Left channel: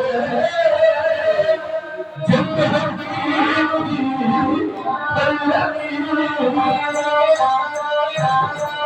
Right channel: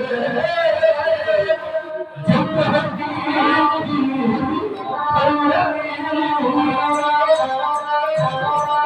Thank you.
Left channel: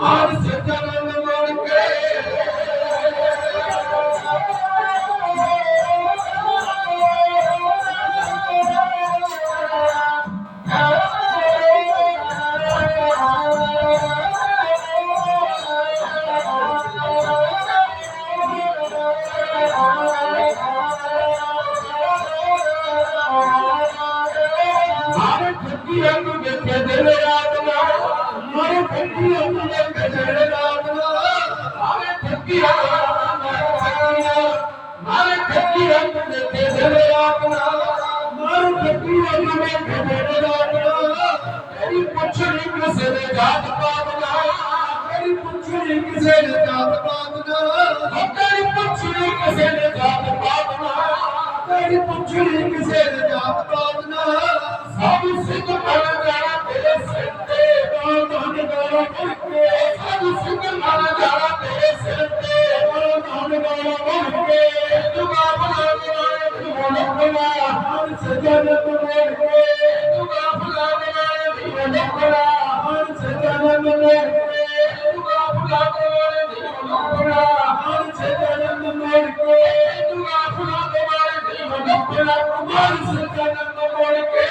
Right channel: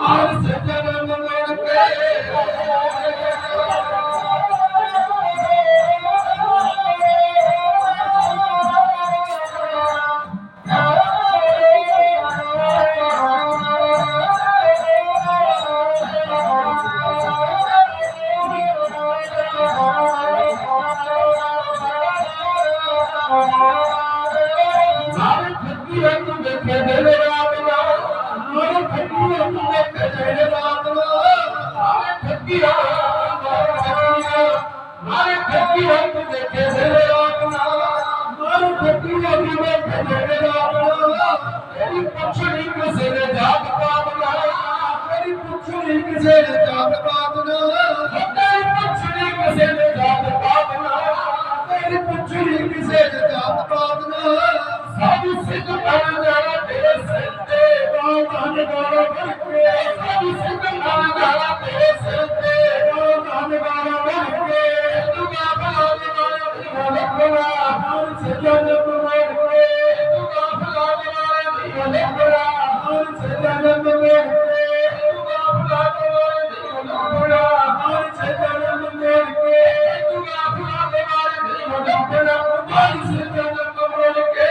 Hadi ਮੇਰੀ ਪੁੱਛਣੀ ਕਿਸੇ ਦੇ ਜਾਤ ਪਾਤ ਨਾ ਮੇਰੀ ਪੁੱਛਣੀ ਕਿਸੇ ਦੇ ਜਾਤ ਪਾਤ ਨਾ ਮੇਰੀ ਪੁੱਛਣੀ ਕਿਸੇ ਦੇ ਜਾਤ ਪਾਤ ਨਾ ਮੇਰੀ ਪੁੱਛਣੀ ਕਿਸੇ ਦੇ ਜਾਤ ਪਾਤ ਨਾ ਸਾਧੂ ਸਿੱਖ ਬਣ ਜਾਣਾ ਤੇਰੇ ਸਿਰ ਤੇ। ਬਾਤਾਂ ਗਾਣਾ ਬਣ ਕੇ। ਸਾਧੂ ਸਿੱਖ ਬਣ ਜਾਣਾ ਤੇਰੇ ਸਿਰ ਤੇ। ਬਾਤਾਂ ਗਾਣਾ ਬਣ ਕੇ। ਦੁਆ ਬਣਾ ਦੇ ਵਾਲਾ ਤੂੰ ਲੱਭਣਾ ਹਰ ਸਜਨ পর্যন্ত মৌলিককে